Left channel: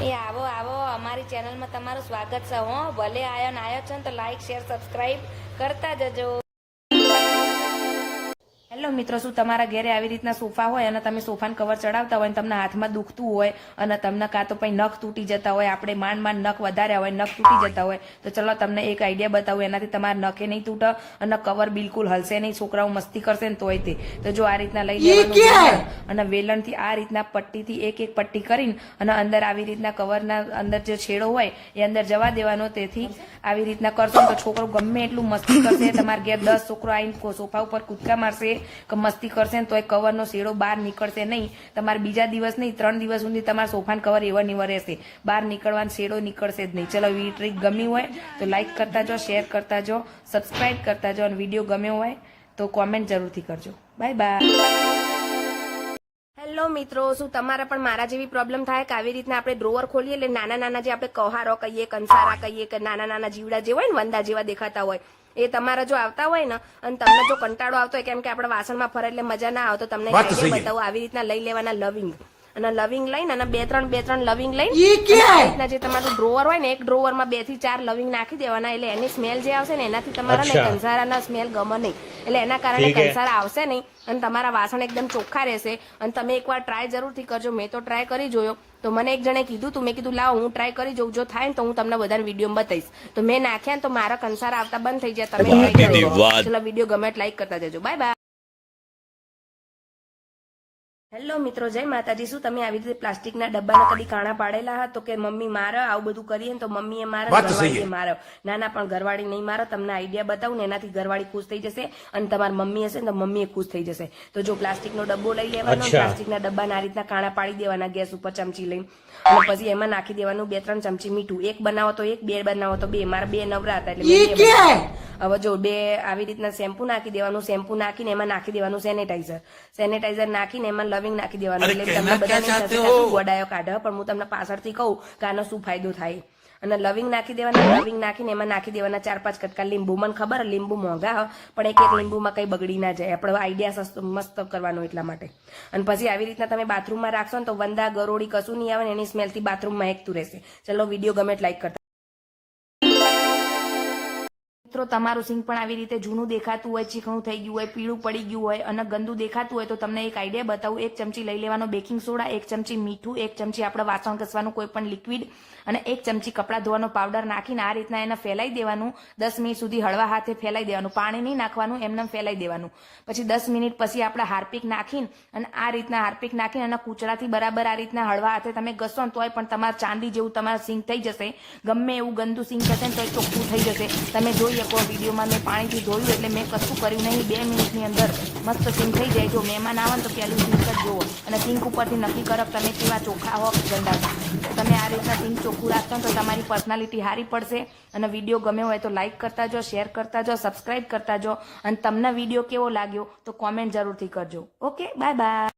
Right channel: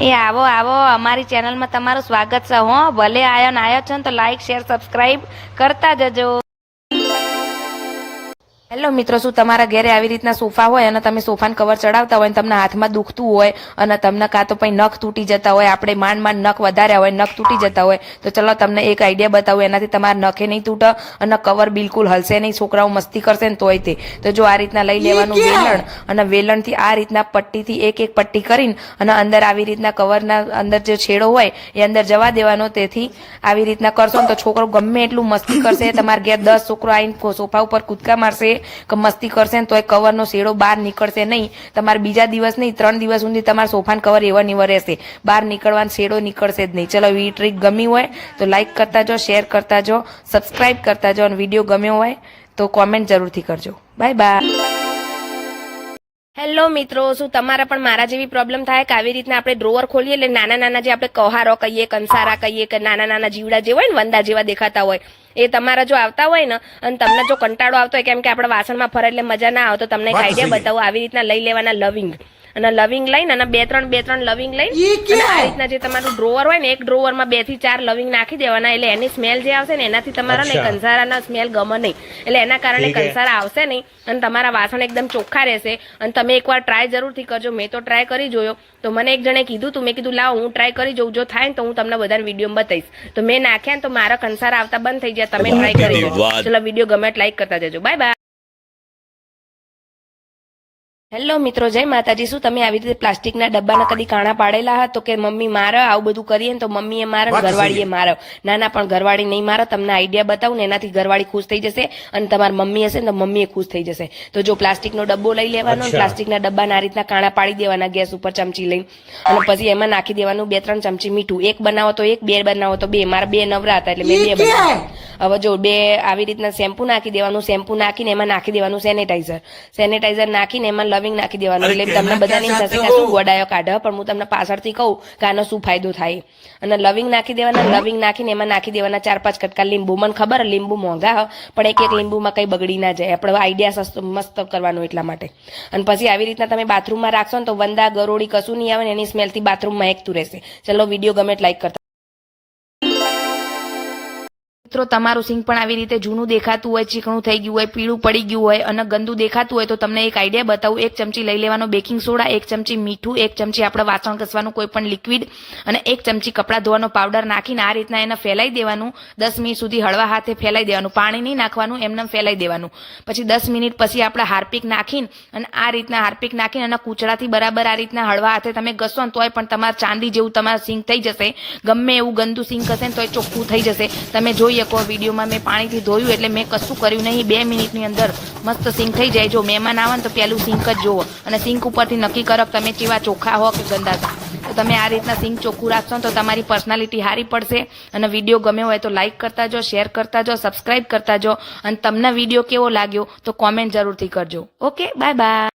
એ આવો આવો અમારી ચેનલમાં તમારું સ્વાગત છે હો. ભલે આયો છો ને તો લાઈક શેર સબસ્ક્રાઇબ કરતા જજો. હેલો મિત્રો, શું તમારા ઘરે આવી રીતના સોફા હોય અને તમે સોફાને કવર ચડાવતા હોય અને તમને હાથમાં દુખતું હોય અને તમને કાં તો પછી નખ તૂટી જતા હોય, આપણે માંડ નખ વધાર્યા હોય, નખ તૂટી જતા હોય, તો ચલો તમને એક આઈડિયા બતાવું, એનાથી તમારા નખે નહીં તૂટે અને કવર બિલકુલ હલશે નહીં. છોકરાઓ મસ્તી કરશે ને તોય તે તો જો આ રીતના લઈ લેવાનું વેલણ અને વેલણથી આ રીતના પટ્ટીથી એક એક પટ્ટી કરીને અને અંદર આવી રીતના કવરના અંદર જે છેડો હોય એ અંદર જવા દેવાનો. તેથી આવી રીતના કરશો ને તો છોકરો ગમે એટલું મસ્તી કરશે. તમારા ઘેર 10 છોકરો આવીને સોફા ઉપર કૂદકા મારશે કે મસ્તી કરશે ને તો એ કવરનો શેડો બહાર નીકળશે નહીં. તમારે બીજા દિવસ નહીં 3 દિવસ સુધી તમારા સોફાનો કવર એવા નીવા રહેશે, બહાર નીકળવાનો શેડો નીકળશે જ નહીં. ચલો, વી ટ્રીક ગમી હોય તો લાઈક કરતા જો, શેર કરતા જો, સબસ્ક્રાઇબ કરતા જો અને વિડીયો ગમ્યો હોય તો કોમેન્ટ જરૂરથી કરજો. Bye bye. હેલો મિત્રો, શું તમારા પણ મારા જેવી પ્રોબ્લેમ થાય કે આવી રીતના આપણે ડ્રોવર ખોલીએ એટલે નાના નાના જે આપણે કહારો કહીએ, કંસારા કહીએ કે નાના નાના જીવડા જે હોય ને વંદા જેવા દેખાતા હોય એ તમારા જો આવતા હોય ને અને તમને જો કંટાળો આવતો હોય કેમ કે આપણે વાસણમાં ફરે એટલે મજા ના આવતો, તમને એક આઈડિયા બતાવું. આવી રીતના લઈ લેવાના લવિંગ અને લવિંગ લઈને અને બે ત્રણ લવિંગ લઈને આ રીતના જે તમારું ડ્રોવર હોય ને એક ડ્રોવરમાં 2 થી 4 લવિંગ નાખી દેવાના. એટલે એની સ્મેલ જે આવશે ને એનાથી તમારા ને કંસારાના સ્મેલ ગમે નહીં, એટલે એના કારણે કંસારા આવશે નહીં અને તમારા વાસણ એકદમ ચોખ્ખા રહેશે. અને તમે એકવાર ટ્રાય જરૂરથી કરજો. મેં તો ટ્રાય કરી જોયો, તો મને એક જણે કીધું તું, મેં કીધું લાવો હું ટ્રાય કરી જોઉં, જો થાય ને તો હું તમને બધાને વિડીયોમાં બતાવીશ. તો મેં નાખ્યા ને તો મારા કંસારા આવતા બંધ થઈ જાય. તમે ટ્રાય કરી લો. ચલો, વિડીયો ગમે લાઈક કરતા જજો. Bye bye. હેલો મિત્રો, જય માતાજી. શું તમે આવી રીતે પ્લાસ્ટિકના ડબ્બાના કદી કાણા પાડેલા હતા? તો કે મમ્મી મારે આવું બધું કરીએ ને તો મમ્મીએ મારે, ઘરવાળીએ મારે. ના પણ ઘરવાળી નહીં મારે. તમને આઈડિયા બતાવું ને એનાથી ઘરવાળી ખુશ થઈ જશે અને તમારી મમ્મી હશે ને તો મમ્મીએ ખુશ થઈ જશે. તો જો પ્લાસ્ટિકનો ડબ્બો લઈ લેવાનો, પ્લાસ્ટિકના ડબ્બાના આ રીતના કાણા પાડી દેવાના ગેસ ઉપર ચમચી લઈને અને પછી એમાં નાખી દેવાનું 2-3 ચમચી મીઠું. એક બનાવો તો 1, 2 બનાવો તો 2. મારા 2 નવરા હતા એટલે મેં 2 બનાવ્યા. હવે જો 2 આવી રીતના શેમ્પુ નાખી દેવાનું. શેમ્પુ નાખીને એમાં નાખી દેવાનું સેનેટાઈઝર નાખીને એમાં લવિંગ નાખી દેવાનું. એટલે તમને બધાને થશે કે શું ગોડાયો કાઢે, પણ હું તમને પાછળથી કહું કે આનો શું ફાયદો થાય. અને લવિંગ નાખી દેવાના. લવિંગ નાખીને એમાં નાખી દેવાના 4-5 કટકા લીંબુ. મને ખબર લીંબુ મોંઘા પણ એક લીંબુમાં કઈ બગડી ના જાય. આપણે આઈડિયા સસ્તો મસ્ત કરવાનો એટલા માટે. અને પછી આવી રીતના તમે બાથરૂમમાં રાખશો ને તો વંદા ગરોળી કશું નહીં આવે ને એની સ્મેલથી બાથરૂમમાં એકતું રહેશે. ચલો, વિડીયો ગમે લાઈક કરતા. મિત્રો, તમારું સિંક પણ આવી રીતે જૂનું દેખાતું હોય, ચીકણું થઈ ગયું હોય, પીળું પડી ગયું હોય અને ગંદુ દેખાતું હોય તો તમને એક આઈડિયા બતાવું. 1 ચમચી લઈ લેવાનો બેકિંગ સોડા, 1 ચમચી મીઠું, 1 ચમચી આપણે વાસણ ઘસવાનું કોઈ પણ લિક્વિડ અને 1 ચમચી કપડાં ધોવાનો પાવડર નાખીને આ રીતના એને ફેલાઈ દેવાનું. 10 મિનિટ સુધી હળવા હાથે ફેલાઈ દેવાનું. પાણી નહીં નાખવાનું, એમને ફેલાઈ દેવાનું. પછી 10 મિનિટ પછી આપણે હાર્પિક નાખીને અને આ રીતના હાર્પિક નાખીને અને કૂચડાથી બરાબર આ રીતના હળવા હાથે તમે ઘસો ને તોય પણ તમારા ચાંદી જેવું તમારા સિંક થઈ જશે. ગમે એવું ગંદુ સિંક હશે ને તોય ચોખ્ખું થઈ જશે. તમે જોઈ શકો વિડીયોમાં મેં પાણીથી ધોયું એટલે મેં કશું કર્યું નહીં. 2 મિનિટની અંદર મસ્ત સિંક થઈ જાય. જો મહેમાન આવે ને તો પેલું સિંક જ જોવો અને સિંક ઉપરથી નક્કી કરો કે તમે કેવા ચોખ્ખા હો કે ગંદા છો. તો તમે આ રીતના સિંક ચોખ્ખું રાખશો ને તો તમારી પર્સનાલિટી સારી પડશે. અને વિડીયો ગમ્યો હોય તો લાઈક કરતા જો, શેર કરતા જો, સબસ્ક્રાઇબ કરતા જો અને તમને વિડીયો કેવો લાગ્યો તો કોમેન્ટ જરૂરથી કરજો. Okay, bye bye.